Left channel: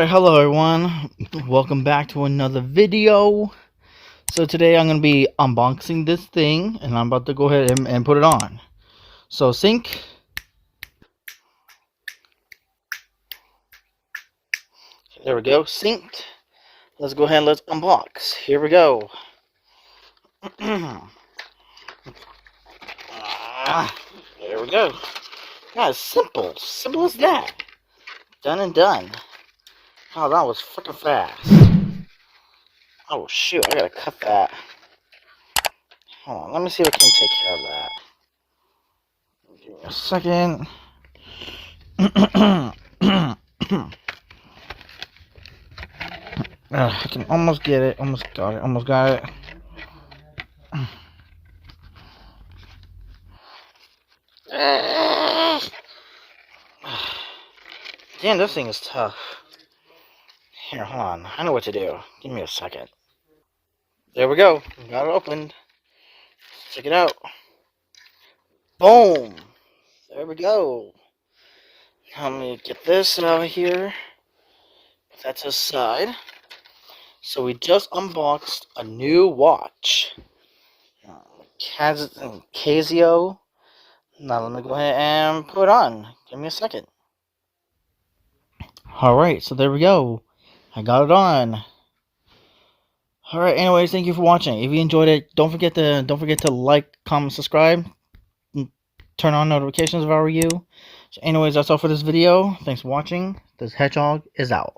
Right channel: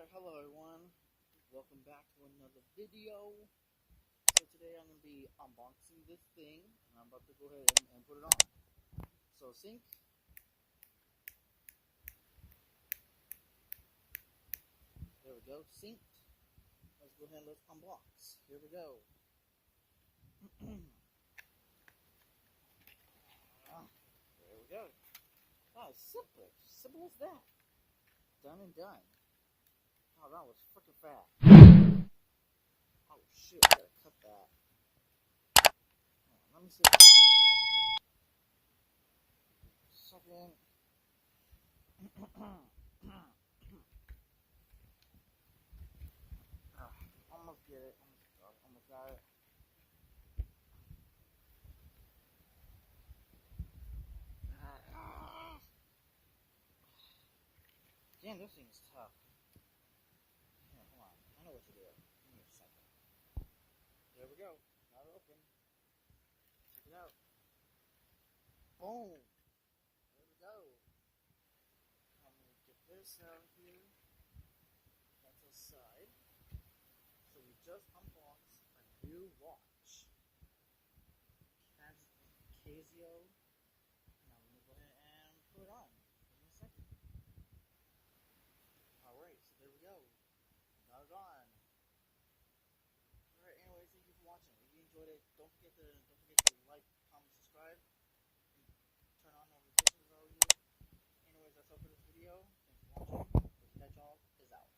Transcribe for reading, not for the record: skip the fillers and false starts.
Alright, hello everyone. Welcome back to another video. So today I'm going to be unboxing this thing, and I'm about to go ahead and put it on. So sync. There we go, synced. Let's go ahead and let's unbox. Here we go. There we go. Yeah, simple as that. Done and done. Oh, that was freaking fast. Oh shoot, I gotta cut that. Hold on, let me see if I can take care of that. Give me a second. I can almost get it. Almost got it. Damn, this thing is tough. Here, hold on. I know what to do. Give me a second. There we go. Got it opened. Check it out. Boom. There we go. Now let me get this out of here. Put that to the side. So we just unboxed a new watch. Casio. Now let me go ahead and put it on. Give me a second. Alright, so there we go. I got it on. Alright, anyways, thank you for watching. If you enjoyed it, don't forget to like, comment, subscribe, and turn on notifications if I were you. So anyways, that's all for this video. Thanks for watching. This hedgehog is out.